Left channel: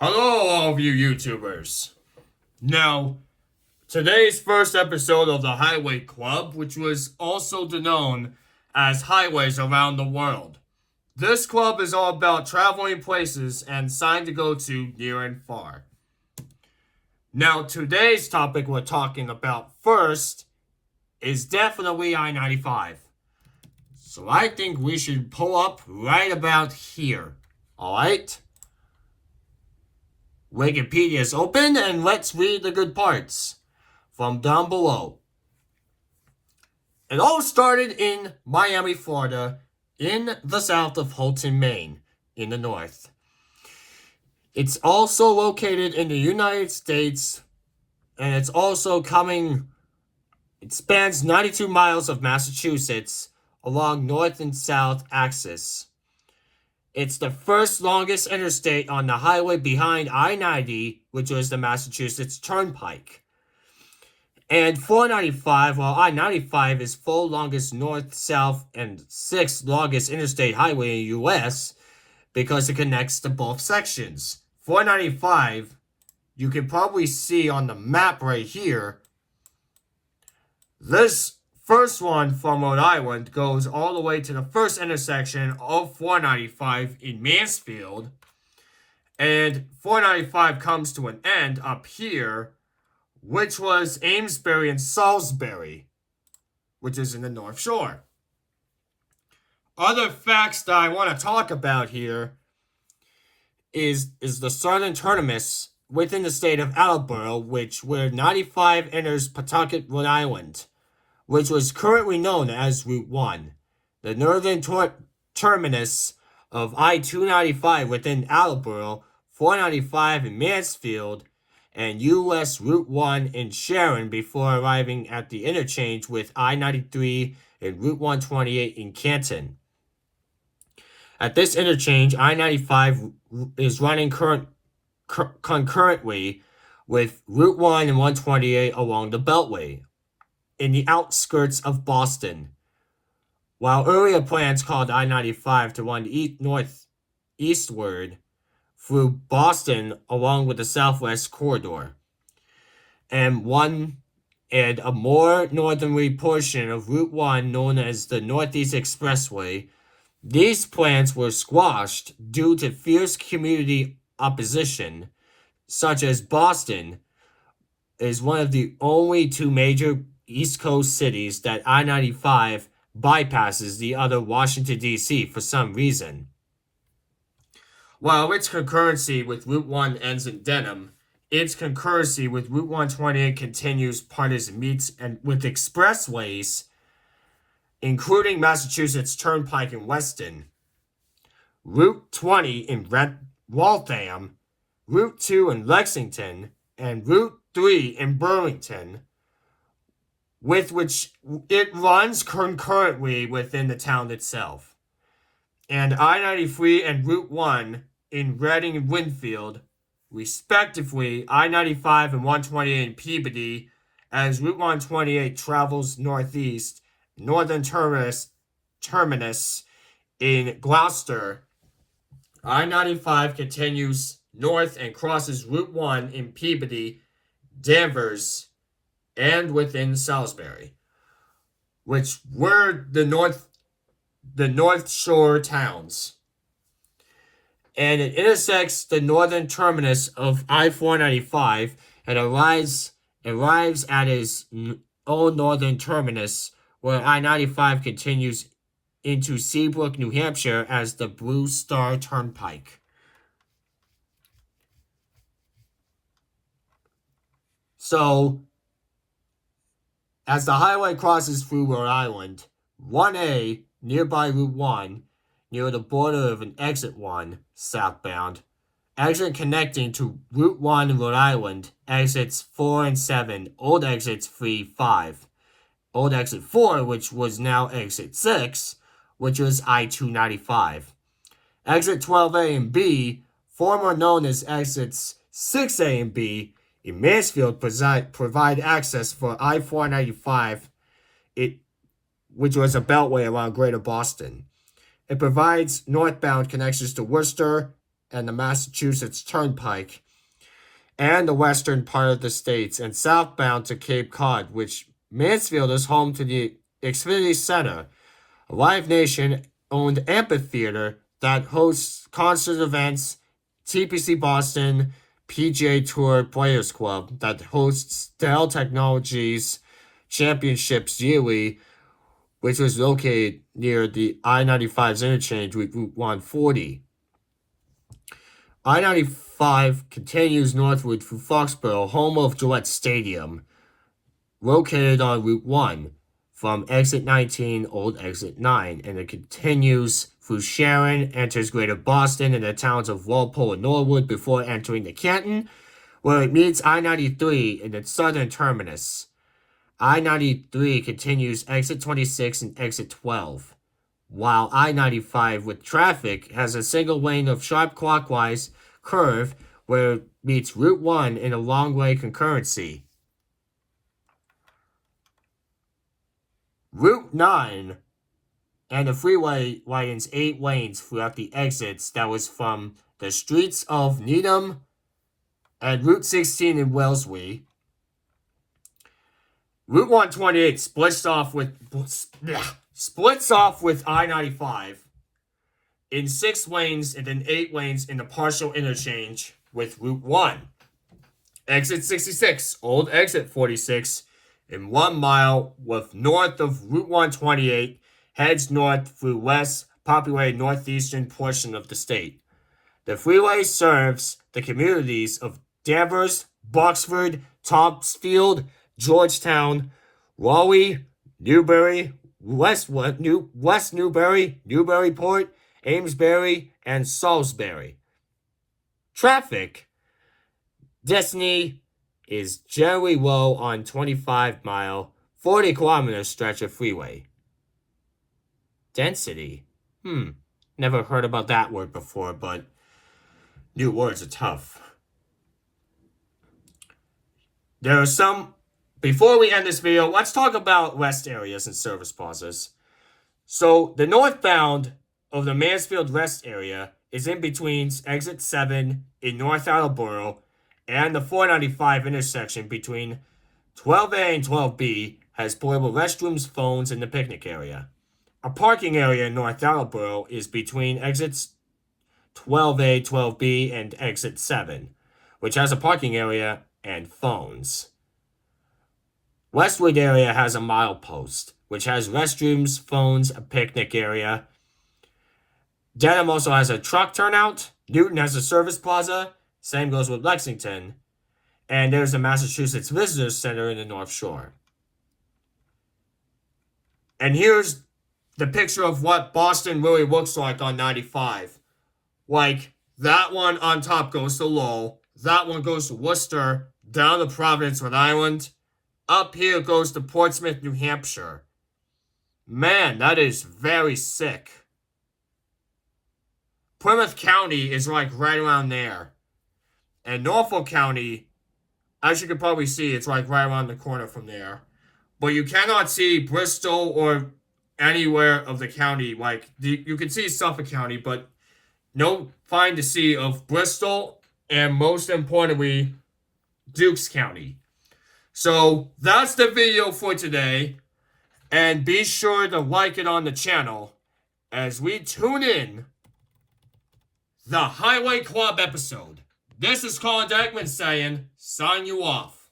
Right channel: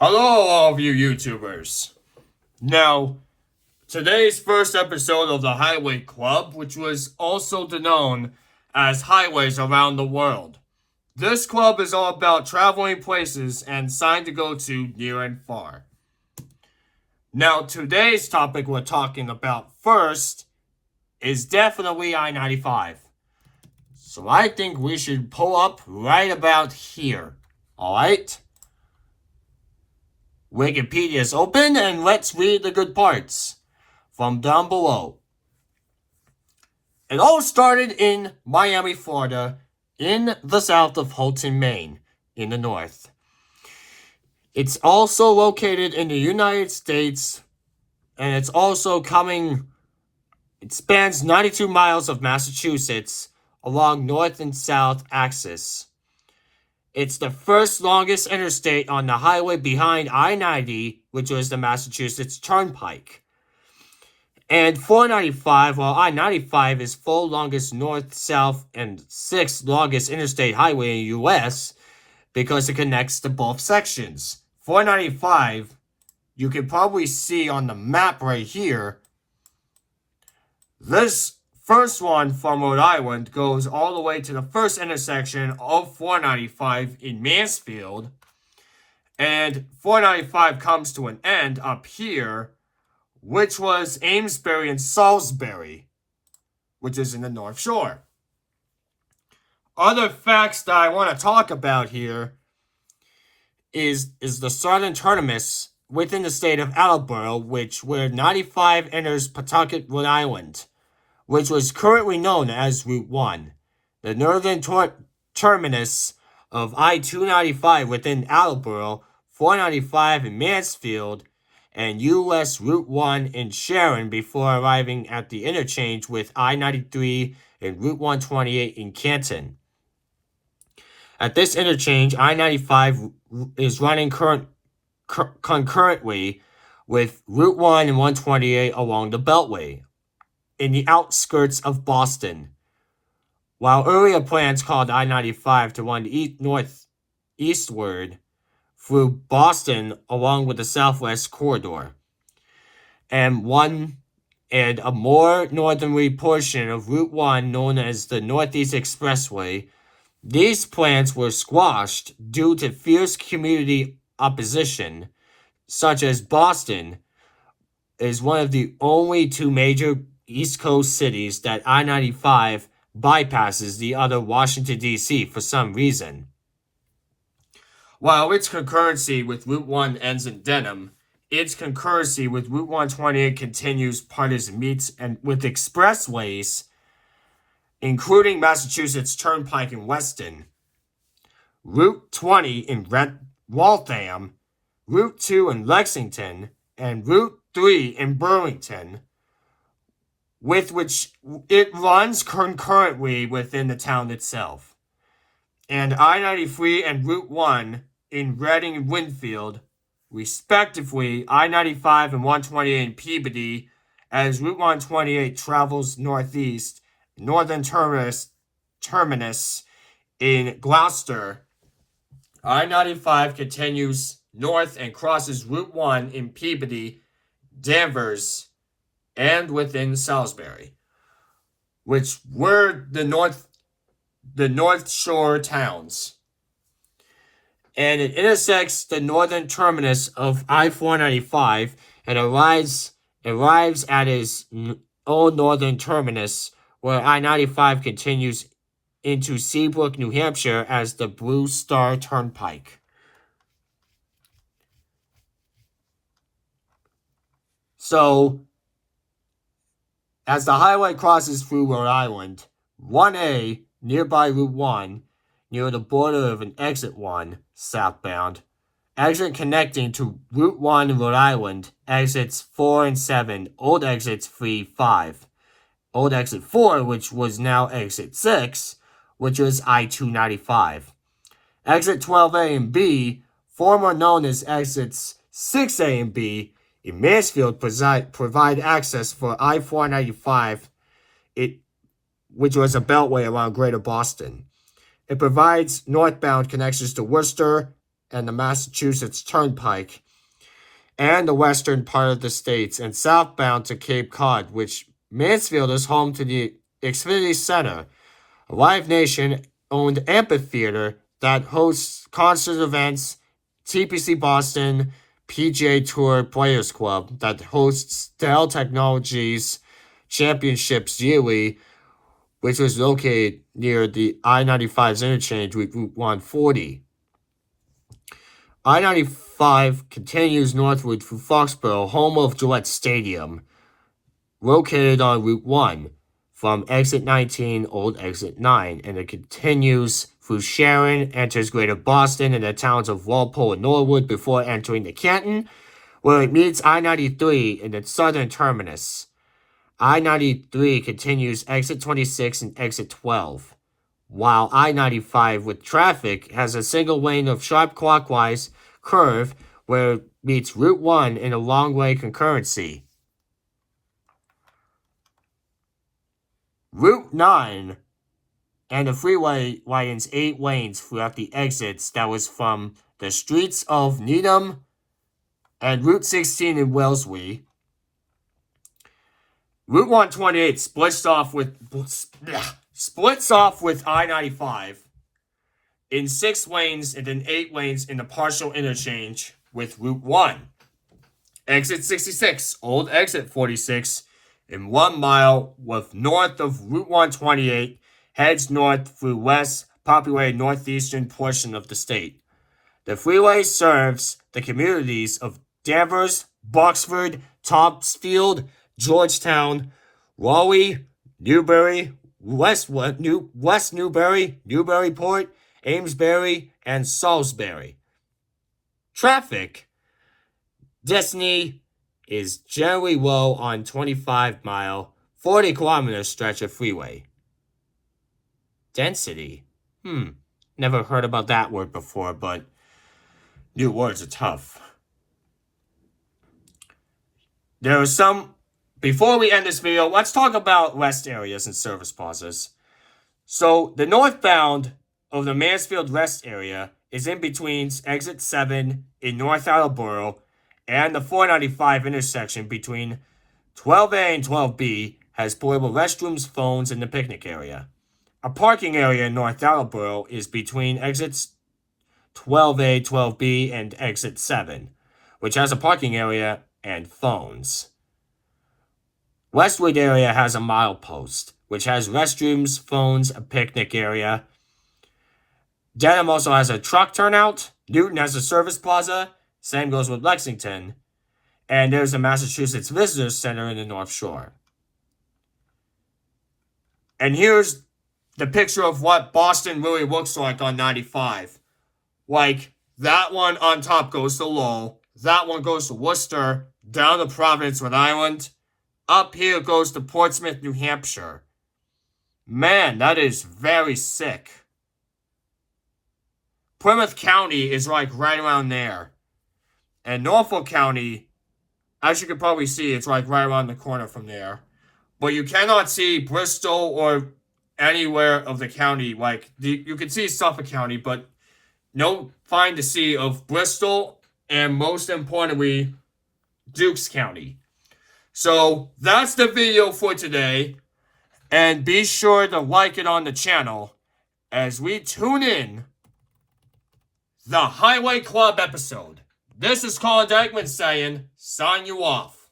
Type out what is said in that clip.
Hello, all of you YouTubers. Now, today's first episode of the Highway Club, which was also known as Highways Around the World. This club is all about traveling places and signs to go to near and far. Now, today's topic we're talking about first is definitely I-95. So I think we should pull up right about here. Alright? Wikipedia is open, and let's read the good parts from down below. It all started in Miami, Florida, in the south of Holton, Maine, in the north. It's also located in the United States, and it spans 92 miles of Massachusetts along north and south axis. It's the first longest interstate on the highway behind I-90, which was the Massachusetts Turnpike. And 495, while I-95 is fourth longest north-south and sixth longest interstate highway in the U.S. because it connects to both sections. 495, you can probably see on the map right here, this first one from Rhode Island goes all the way to the first intersection of 495 in Mansfield, and 495 comes to an end up here, which was Amesbury and Salisbury, which is in the North Shore. Other facts that I want to talk about here is the southern terminus within the state of Attleboro, where 95 enters Pawtucket, Rhode Island, which was currently known as Route 1. The northern terminus of I-295 within Attleboro, 495 in Mansfield, and U.S. Route 1 in Sharon before arriving at the interchange with I-93 and Route 128 in Canton. At this interchange, I-95 is running concurrently with Route 1 and 128 along the Beltway, in the outskirts of Boston, while earlier plans called I-95 to run northeastward through Boston along with the Southwest Corridor, and a more northerly portion of Route 1 known as the Northeast Expressway. These plans were squashed due to fierce community opposition, such as Boston is one of the only two major East Coast cities that I-95 bypasses the other Washington, D.C. for some reason. While its concurrency with Route 1 ends in Denham, its concurrency with Route 128 continues partisan meets and with expressways, including Massachusetts Turnpike in Weston, Route 20 in Waltham, Route 2 in Lexington, and Route 3 in Burlington, with which it runs concurrently within the town itself, and I-93 and Route 1 in Reading and Winfield, respectively. I-95 and 128 in Peabody, as Route 128 travels northeast, northern terminus in Gloucester. I-95 continues north and crosses Route 1 in Peabody, Danvers, and within Salisbury, which were the North Shore towns. And it intersects the northern terminus of I-495 and arrives at its old northern terminus, where I-95 continues into Seabrook, New Hampshire as the Blue Star Turnpike. So, as the highway crosses through Rhode Island, 1A, nearby Route 1, near the border of an Exit 1, southbound, exit connecting to Route 1 in Rhode Island, exits 4 and 7, old exits 3, 5. Old exit 4, which was now exit 6, which was I-295. Exit 12A and B, former known as exits 6A and B, in Mansfield provide access for I-495, which was a beltway around Greater Boston. It provides northbound connections to Worcester, and the Massachusetts Turnpike, and the western part of the states, and southbound to Cape Cod, which Mansfield is home to the Xfinity Center, a Live Nation-owned amphitheater that hosts concert events, TPC Boston, PGA Tour Players Club that hosts Dell Technologies championships yearly, which was located near the I-95's interchange with Route 140. I-95 continues northward through Foxborough, home of Gillette Stadium, located on Route 1 from exit 19, old exit 9, and it continues through Sharon, enters Greater Boston and the towns of Walpole and Norwood before entering the Canton, where it meets I-93 in its southern terminus. I-93 continues exit 26 and exit 12, while I-95 with traffic has a single lane of sharp clockwise curve where it meets Route 1 in a long-way concurrency. Route 9 and the freeway widens 8 lanes throughout the exits that was from the streets of Needham and Route 16 in Wellesley. Route 128 splits off with I-95 in 6 lanes and then 8 lanes in the partial interchange with Route 1. Exit 66, old exit 46, in 1 mile with north of Route 128, heads north through less populated northeastern portion of the state. The freeway serves the communities of Danvers, Boxford, Topsfield, Georgetown, Raleigh, Newbury, West Newbury, Newburyport, Amesbury, and Salisbury. Traffic. Destiny is generally low on 25-mile, 40-kilometer stretch of freeway. Density. Never heard about that word before, but new words are tough. There are some... Before we end this video, let's talk about rest areas and service plazas. So, the northbound of the Mansfield rest area is in between exit 7 in North Attleboro and the 495 intersection between 12A and 12B has portable restrooms, phones, and the picnic area. A parking area in North Attleboro is between exits 12A, 12B, and exit 7, which has a parking area and phones. Westwood area has a milepost, which has restrooms, phones, a picnic area. Dedham also has a truck turnout. Newton has a service plaza. Same goes with Lexington. And there's the Massachusetts Visitor Center in the North Shore. And here's the picture of what Boston really looks like on 95. Like, that one on top goes to Lowell. That one goes to Worcester. Down to Providence, Rhode Island. Up here goes to Portsmouth, New Hampshire. Man, that is very sick. Plymouth County is like right around there. And Norfolk County, as you can probably see, it's like right around the corner from there. But you cannot see Bristol or anywhere of the county. Like, you can see Suffolk County, but no find to see of Bristol and, most importantly, Dukes County. So, that's the video for today. And be sure to like it on the channel as we tune in the Highway Club episode. This is Colin Degman saying, sign you off.